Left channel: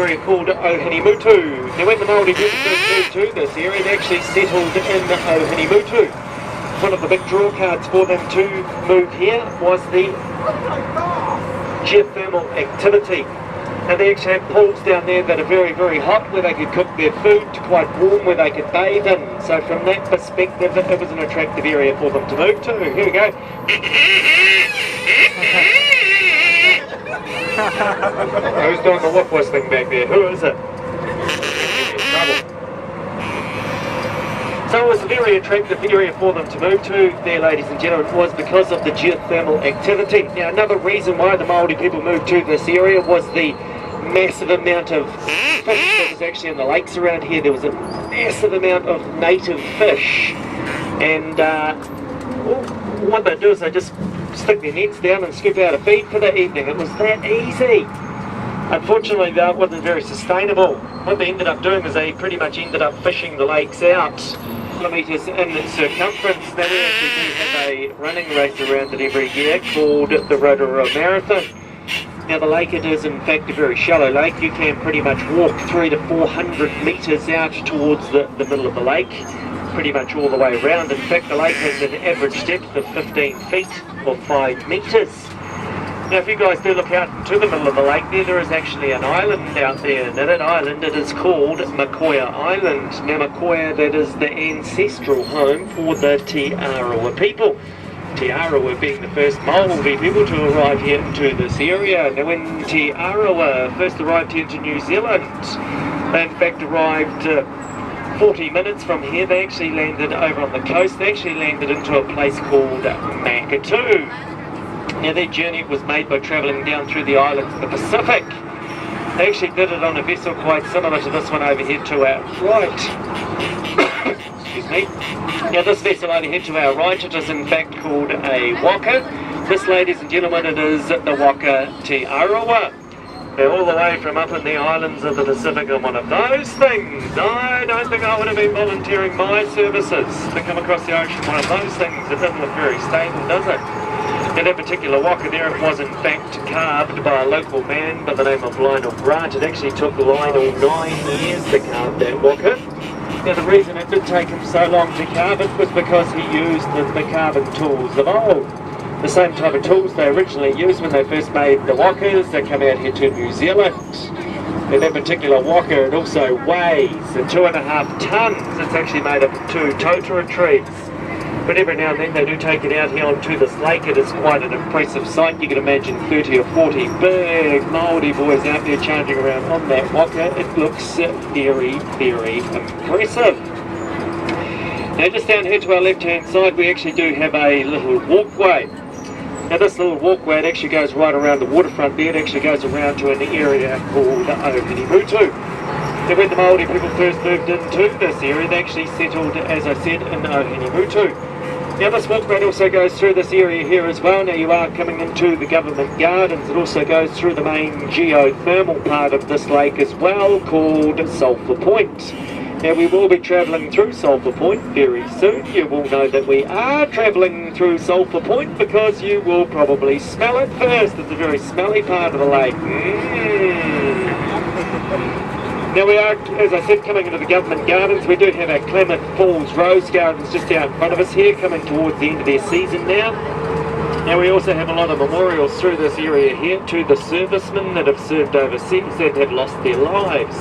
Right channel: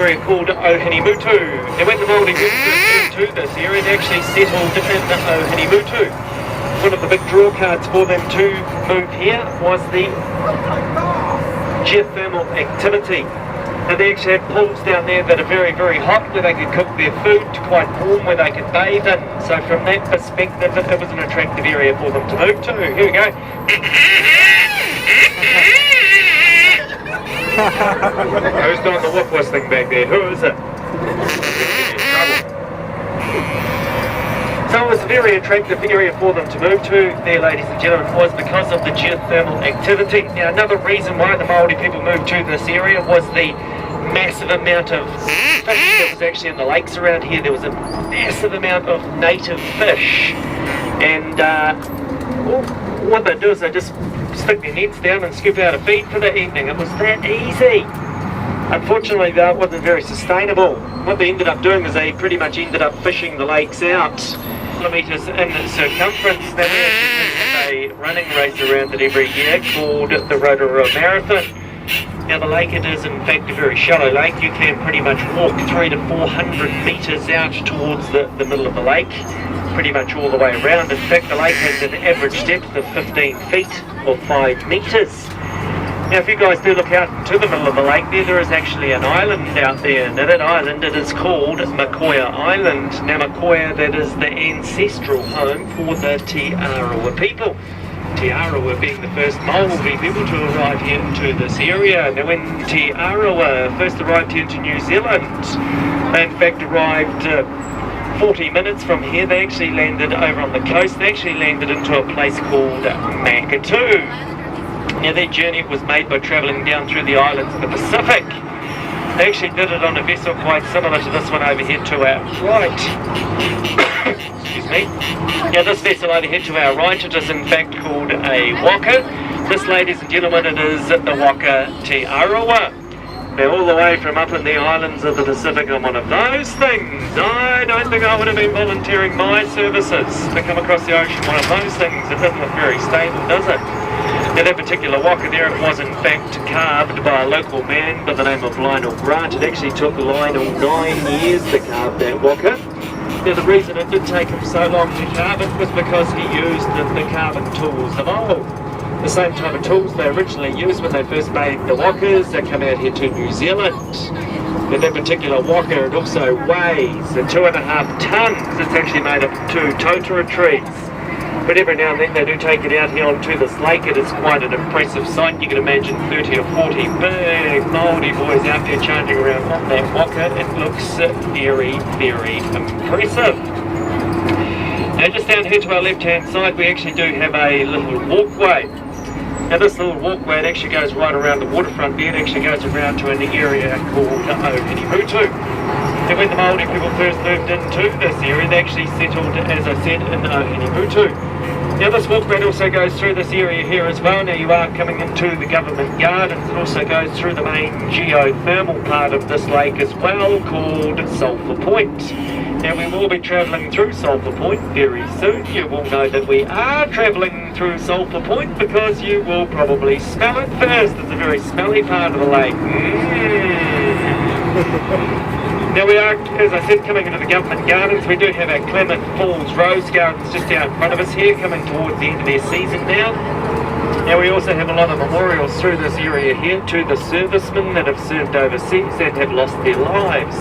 area called Ohinimutu. Now when the Māori people moved to this area, they actually settled in Ohinimutu. One of the big draw cards for them to move here was the geothermal activity. And they actually had pools down there that are very, very hot, where they could cook their food, quite warm, where they could bathe in. So from that perspective, it was an attractive area for them to move to. Here we go. Who's doing the whoop thing back there? Who is it? So it was a very attractive area for them to move to there, ladies and gentlemen, was because of the geothermal activity. Now another reason why the Māori people moved to this area was the massive amount of fish that was actually in the lakes around here. There was a massive amount of native fish, and what they do is they just stick their nets down and scoop out a feed for the evening. It was that easy. Unfortunately though, it wasn't very sustainable. What they ended up doing is they pretty much ended up fishing the lakes out kilometres in circumference. Now we actually have a running race around it every year called the Rotorua Marathon. Now the lake, it is in fact a very shallow lake. You can pretty much walk 300 to 400 metres out towards the middle of the lake, pretty much all the way around. In fact the lake has an average depth of 15 feet or 5 metres. Now if you guys do look out to the middle of the lake there is actually an island out there, and that island, it is called Makoia Island. Now Makoia, that is the ancestral home for the Te Arawa people. Te Arawa being the first Māori people to arrive here into this area. Now when Te Arawa first arrived here to New Zealand, they in fact arrived 40 minutes from here. They actually landed over on the coast. They actually landed into a place called Makatu. Now their journey was made by travelling down through the islands of the Pacific. They actually did it on a vessel quite similar to this one over here to our right. Excuse me. Now this vessel over here to our right, it is in fact called a waka. This, ladies and gentlemen, it is the Waka Te Arawa. They're all the way from up in the islands of the Pacific on one of those things. I don't think I would have been volunteering my services to come across the ocean one of those things. It doesn't look very stable, does it? Now that particular waka there, it was in fact carved by a local man by the name of Lionel Grant. It actually took Lionel 9 years to carve that waka. Now the reason it did take him so long to carve it was because he used the carving tools of old. The same type of tools they originally used when they first made the wakas that come out here to New Zealand. And that particular waka, it also weighs 2.5 tonnes. It's actually made of 2 Rotorua trees. But every now and then they do take it out here onto this lake. It is quite an impressive sight. You can imagine 30 or 40 big Māori boys out there charging around on that waka. It looks very, very impressive. Now just down here to our left hand side we actually do have a little walkway. Now this little walkway, it actually goes right around the waterfront there. It actually goes around to an area called Ohinimutu. Now when the Māori people first moved into this area, they actually settled, as I said, in Ohinimutu. Now this walkway also goes through this area here as well. Now you are coming into the government gardens. It also goes through the main geothermal part of this lake as well, called Sulphur Point. Now we will be travelling through Sulphur Point very soon. You will know that we are travelling through Sulphur Point because you will probably smell it first. It's a very smelly part of the lake. Now we are, as I said, coming into the government gardens. We do have our Clement Falls Rose Gardens just down in front of us here, coming towards the end of their season now. Now we also have a lot of memorials through this area here to the servicemen that have served overseas that have lost their lives.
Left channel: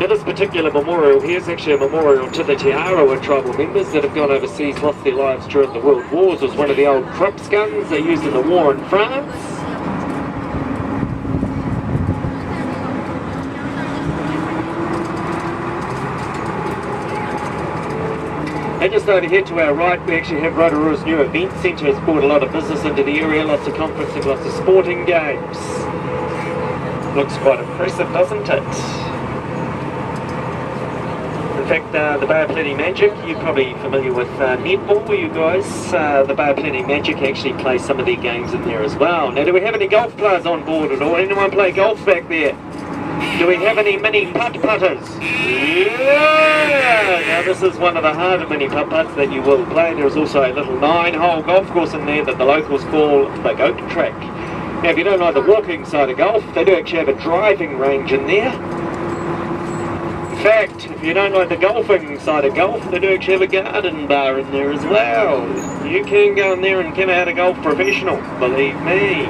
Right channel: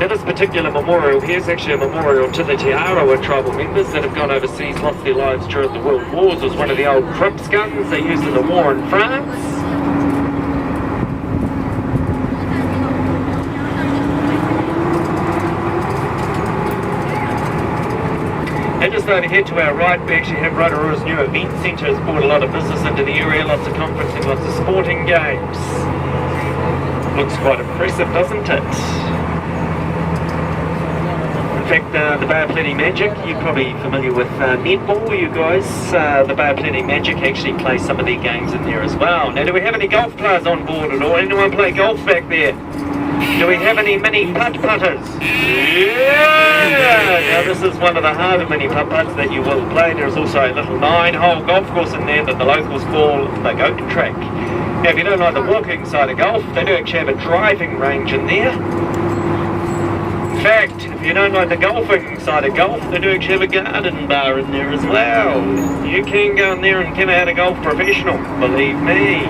Now this particular memorial here is actually a memorial to the Te Arawa tribal members that have gone overseas, lost their lives during the World Wars. It was one of the old Crips guns they used in the war in France. And just over here to our right, we actually have Rotorua's new event centre. Has brought a lot of business into the area, lots of conferencing, lots of sporting games. Looks quite impressive, doesn't it? In fact, the Bay of Plenty Magic, you're probably familiar with netball, you guys. The Bay of Plenty Magic actually play some of their games in there as well. Now, do we have any golf players on board at all? Anyone play golf back there? Do we have any mini putt-putters? Yeah! Now this is one of the harder mini putt-putts that you will play. There's also a little 9-hole golf course in there that the locals call the goat track. Now, if you don't like the walking side of golf, they do actually have a driving range in there. In fact, if you don't like the golfing side of golf, they do actually have a garden bar in there as well. You can go in there and come out a golf professional, believe me.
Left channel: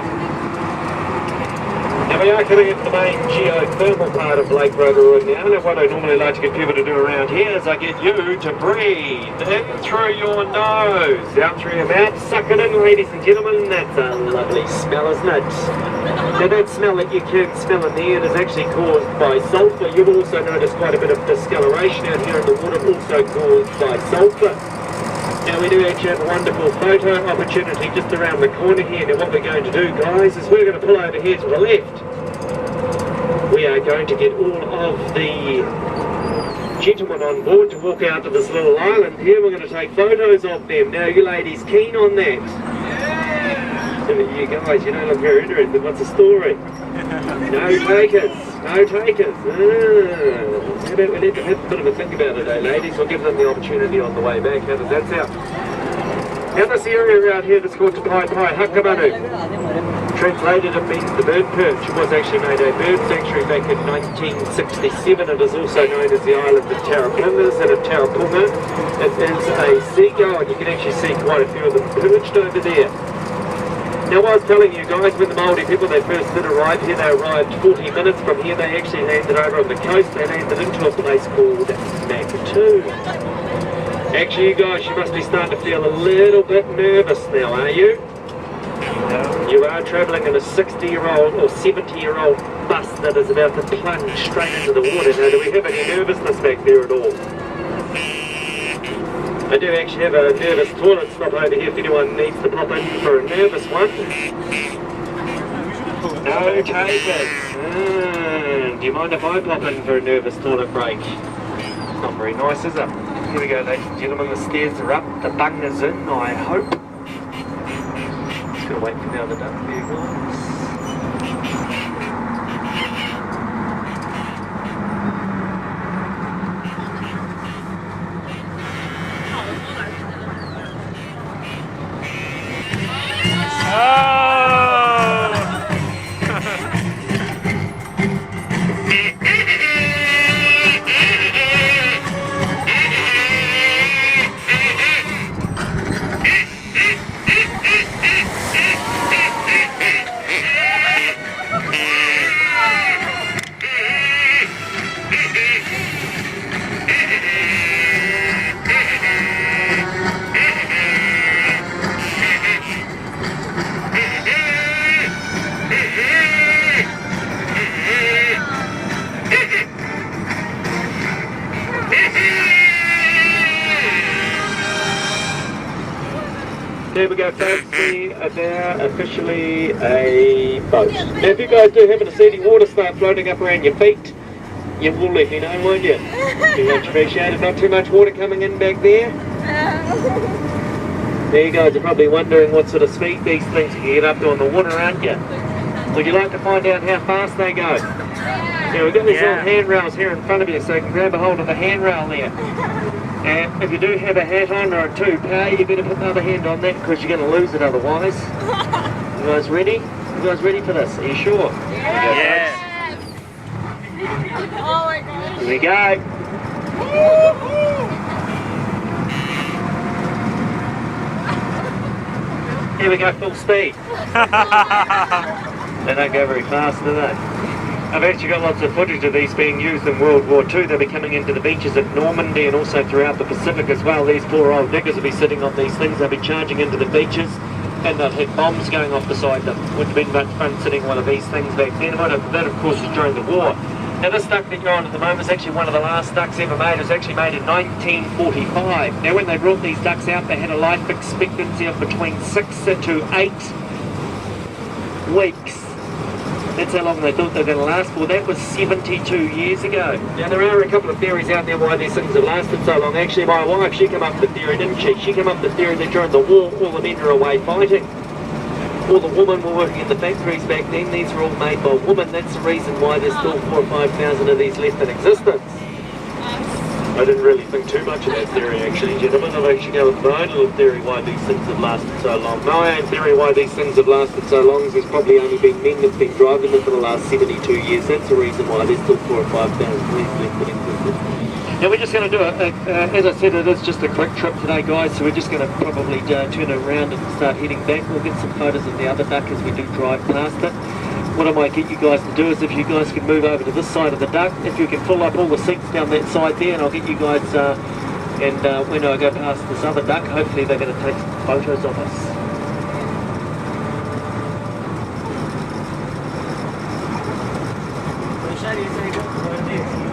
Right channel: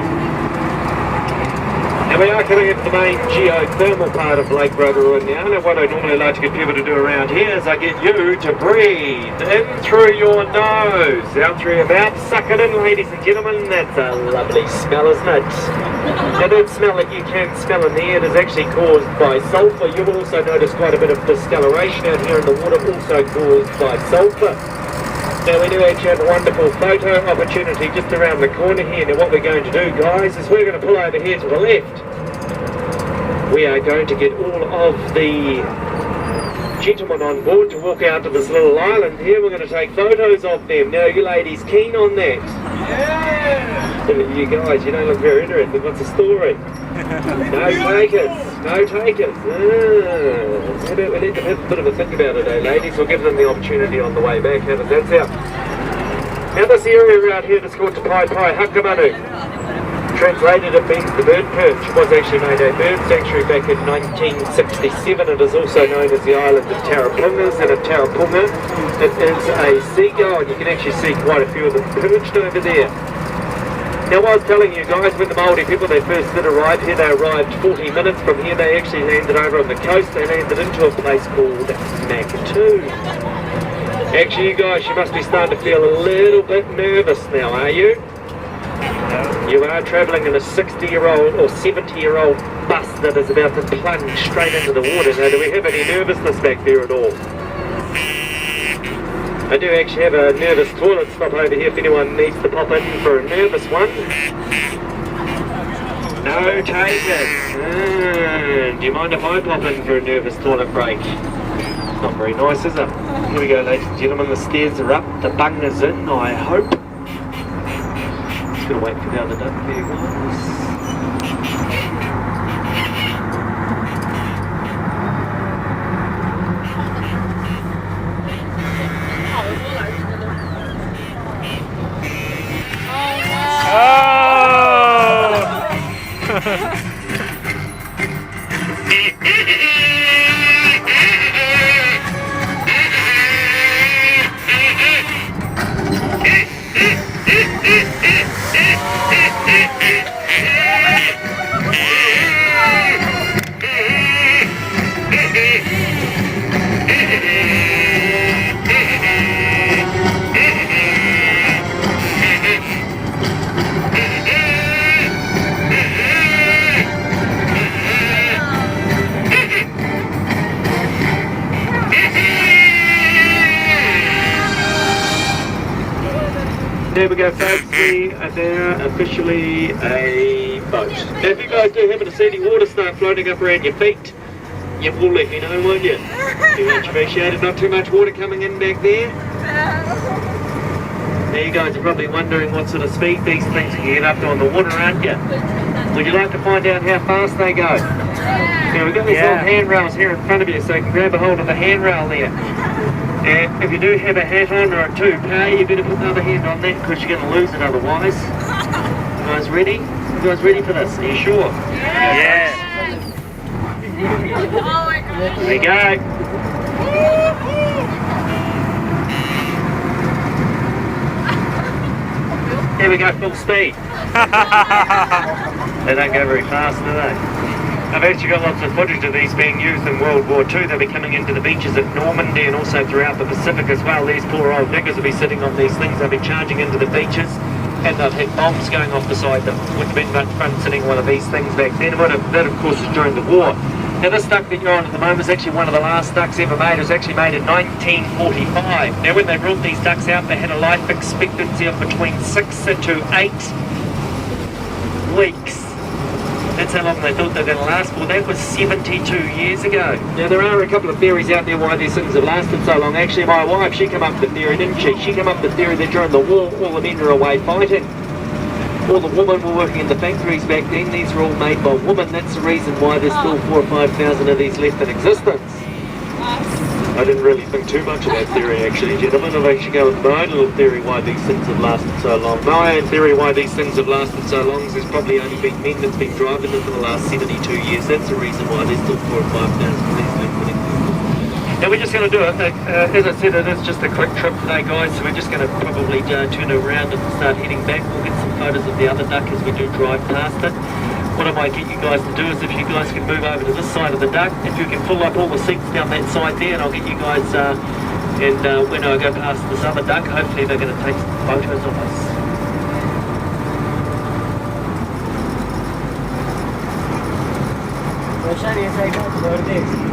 Now we are coming into the main geothermal part of Lake Rotorua now, and what I normally like to get people to do around here is I get you to breathe in through your nose, out through your mouth, suck it in, ladies and gentlemen. That's a lovely smell, isn't it? Now that smell that you can smell in the air is actually caused by sulphur. You'll also notice quite a bit of discoloration out here in the water, also caused by sulphur. Now we do actually have a wonderful photo opportunity just around the corner here. Now what we're going to do, guys, is we're going to pull over here to the left. We are going to get all of the gentlemen on board to walk out to this little island here. We're going to take photos of them. Now, you ladies keen on that? Yeah. You guys, you don't look very interested. What's the story? No takers. No takers. We need to have a bit of a think about it, eh, ladies? We'll give them the opportunity on the way back. How does that sound? Now, this area around here is called Te Pai Pai Hakamanu. Translated, it means the bird perch. It was actually made a bird sanctuary back in 1967. It is also known as the island of Tarapungas and of Tarapunga. It is a seagull, and you can actually see quite a few of them perched over there. Now, what I was telling you guys, when the Māori people, they first did arrive here, they arrived 40 minutes from here. They actually landed over on the coast. They landed into a place called Makatu. Actually, you guys, you must be starting to feel a little bit nervous now, are you? You are travelling in a 60-year-old or 70-year-old bus that is about to plunge straight into the water. Now, do we have any nervousness back there at all? I do actually have a nervous toilet stop over here if anyone needs to pop in for a nervous one. No takers. Do you mind if I pop in for a nervous toilet break? Not very nice, is it? Here we go, ladies and gentlemen. The stairs are up. The bunga's in, I hope. Just gonna wait for the other duck here, guys. There we go, folks. We are now officially a boat. Now, if you guys do happen to see any water start floating up around your feet, you will let me know, won't you? You much appreciate it. Not too much water coming in back there. Now, you guys are probably wondering what sort of speed these things can get up to on the water, aren't you? Would you like to find out how fast they go? Now, we've got these little handrails here in front of you, so you can grab a hold of the handrail there. And if you do have a hat on or a toupee, you better put another hand on that because you're going to lose it otherwise. You guys ready? You guys ready for this? Are you sure? Yeah. Oh my God. Here we go. Here we go, full speed. They don't go very fast, do they? I've actually got lots of footage of these being used in World War II. They'll be coming into the beaches at Normandy and also throughout the Pacific as well. These poor old diggers will be sitting on these things. They'll be charging into the beaches and they've had bombs going off beside them. Wouldn't have been much fun sitting on one of these things back then. But that, of course, is during the war. Now, this duck that you're on at the moment is actually one of the last ducks ever made. It was actually made in 1945. Now, when they brought these ducks out, they had a life expectancy of between 6 to 8 weeks. That's how long they thought they were going to last for. That was 72 years ago. Now, there are a couple of theories out there why these things have lasted so long. Actually, my wife, she came up with the theory, didn't she? She came up with the theory that during the war, all the men were away fighting. All the women were working in the factories back then. These were all made by women. That's the reason why there's still 4,000 or 5,000 of these left in existence. I didn't really think too much of that theory actually, gentlemen. I've actually got my own little theory why these things have lasted so long. My own theory why these things have lasted so long is there's probably only been men that's been driving them for the last 72 years. That's the reason why there's still 4 or 5,000 policemen. Now we're just going to do it, as I said, it is just a quick trip today guys, so we're just going to probably turn around and start heading back. We'll get some photos of the other duck as we do drive past it. What I might get you guys to do is if you guys can move over to this side of the duck, if you can pull up all the seats down that side there, and I'll get you guys, and when I go past this other duck, hopefully they're going to take some photos of us. Rotorua Trip.